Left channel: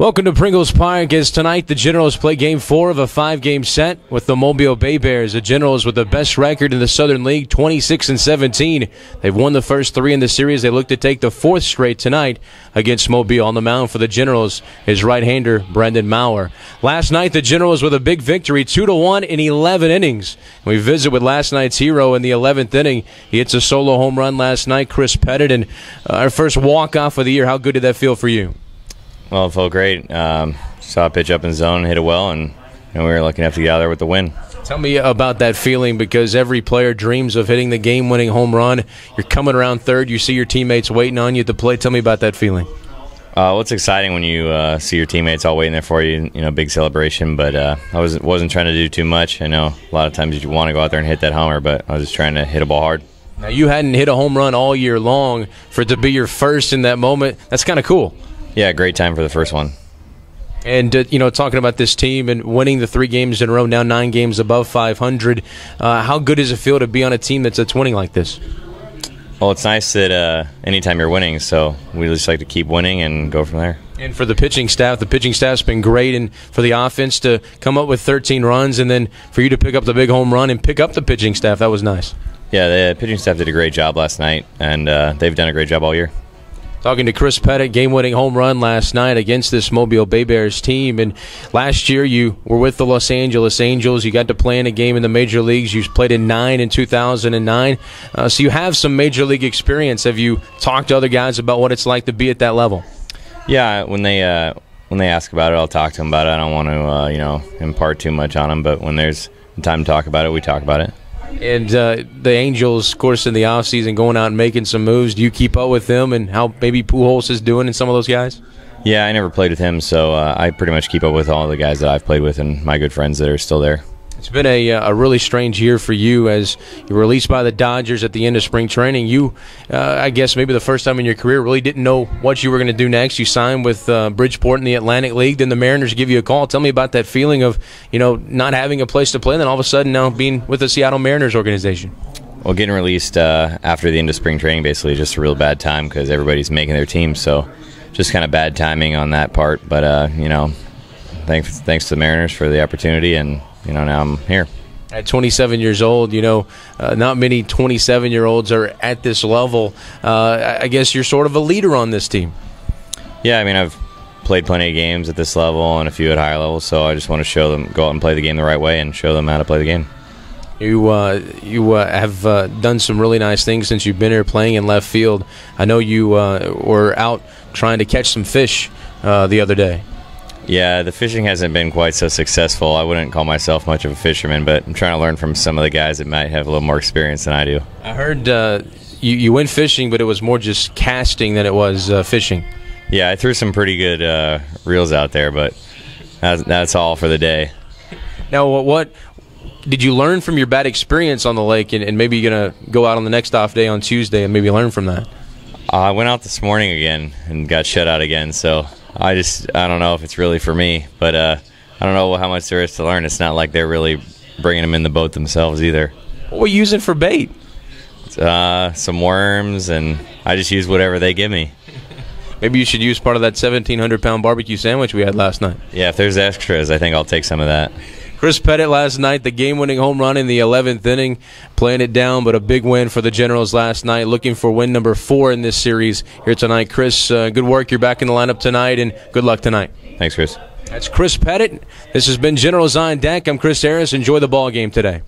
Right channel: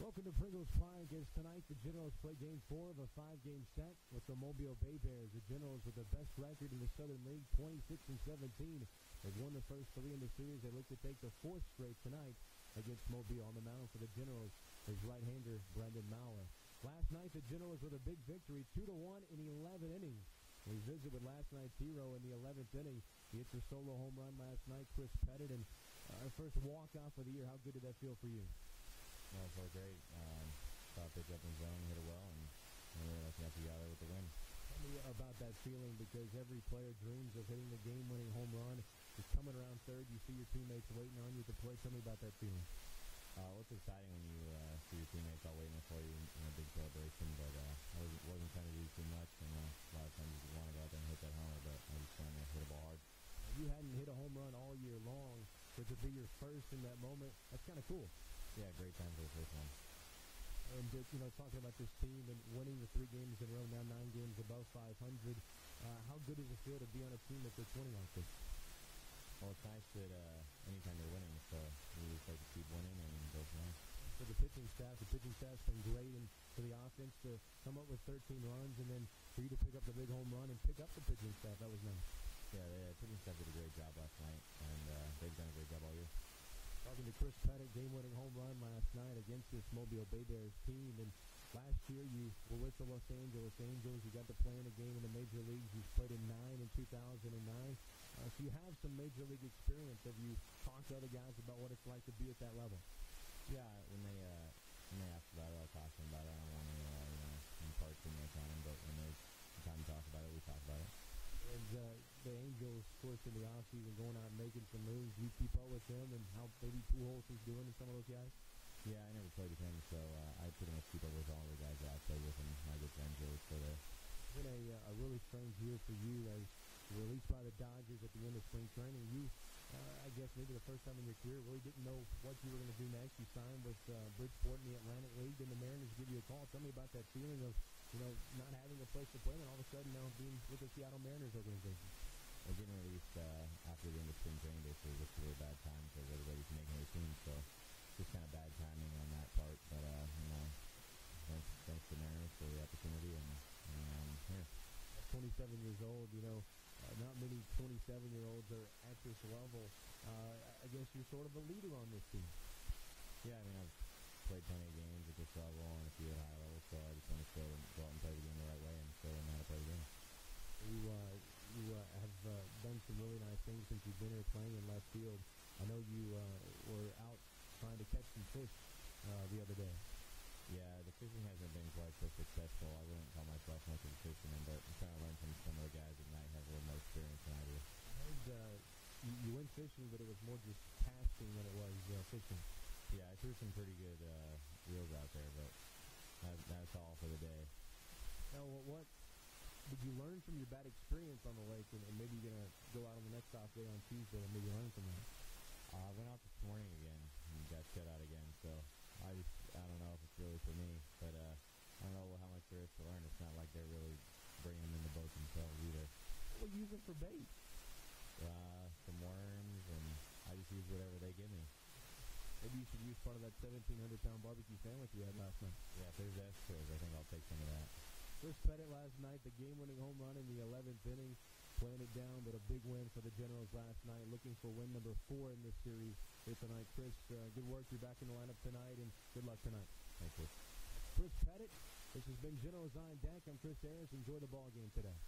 Welcome to Pringles Park as tonight the Generals play Game 4 of a 5-game set with the Mobile Bay Bears. The Generals with the best record in the Southern League, 26-17. They've won the first 3 in the series. They look to take the 4th straight tonight against Mobile. On the mound for the Generals is right-hander Brendan Maurer. Last night the Generals with a big victory, 2-1 in 11 innings. We visit with last night's hero in the 11th inning. He hits a solo home run last night, Chris Pettit, and our first walk-off of the year. How good did that feel for you? Well, it felt great. Saw a pitch up in zone, hit it well, and we were lucky enough to get out there with the win. Tell me about that feeling, because every player dreams of hitting the game-winning home run. You're coming around third. You see your teammates waiting on you at the plate. Tell me about that feeling. Well, it's exciting when you see your teammates all waiting there for you. Big celebration. But I wasn't trying to do too much. I know a lot of times you want to go out there and hit that homer, but I was just trying to hit a ball hard. Now, you hadn't hit a home run all year long. For it to be your first in that moment, that's kind of cool. Yeah, great time for the first one. And, talking about this team and winning the 3 games in a row, now 9 games above 500, how good does it feel to be on a team that's winning like this? Well, it's nice that anytime you're winning, so we just like to keep winning and go from there. And for the pitching staff's been great, and for the offense to come up with 13 runs and then for you to pick up the big home run and pick up the pitching staff, that was nice. Yeah, the pitching staff did a great job last night, and they've done a great job all year. Talking to Chris Pettit, game-winning home run last night against this Mobile Bay Bears team. And last year you were with the Los Angeles Angels. You got to play in a game in the major leagues. You played in 9 in 2009. So you have some major league experience. Have you talked to other guys about what it's like to be at that level? Yeah, when they ask about it, I'll talk to them about it. I don't want to impart too much on them, but when there's time to talk about it, we talk about it. And the Angels, of course, in the offseason, going out and making some moves. Do you keep up with them and how maybe Pujols is doing and some of those guys? Yeah, I never played with him, so I pretty much keep up with all the guys that I've played with and my good friends that are still there. It's been a really strange year for you as you were released by the Dodgers at the end of spring training. You, I guess maybe the first time in your career, really didn't know what you were going to do next. You signed with Bridgeport in the Atlantic League. Then the Mariners give you a call. Tell me about that feeling of not having a place to play, and then all of a sudden now being with the Seattle Mariners organization. Well, getting released after the end of spring training basically is just a real bad time because everybody's making their team. So just kind of bad timing on that part. But, thanks to the Mariners for the opportunity, and now I'm here. At 27 years old, not many 27-year-olds are at this level. I guess you're sort of a leader on this team. Yeah, I've played plenty of games at this level and a few at higher levels, so I just want to show them, go out and play the game the right way and show them how to play the game. You have done some really nice things since you've been here playing in left field. I know you were out trying to catch some fish the other day. Yeah, the fishing hasn't been quite so successful. I wouldn't call myself much of a fisherman, but I'm trying to learn from some of the guys that might have a little more experience than I do. I heard you went fishing, but it was more just casting than it was fishing. Yeah, I threw some pretty good reels out there, but that's all for the day. Now, what did you learn from your bad experience on the lake, and maybe you're going to go out on the next off day on Tuesday and maybe learn from that? I went out this morning again and got shut out again, so I don't know if it's really for me, but I don't know how much there is to learn. It's not like they're really bringing them in the boat themselves either. What were you using for bait? Some worms, and I just use whatever they give me. Maybe you should use part of that 1,700-pound barbecue sandwich we had last night. Yeah, if there's extras, I think I'll take some of that. Chris Pettit last night, the game-winning home run in the 11th inning, playing it down, but a big win for the Generals last night, looking for win number 4 in this series here tonight. Chris, good work. You're back in the lineup tonight, and good luck tonight. Thanks, Chris. That's Chris Pettit. This has been Generals on Deck. I'm Chris Harris. Enjoy the ball game today.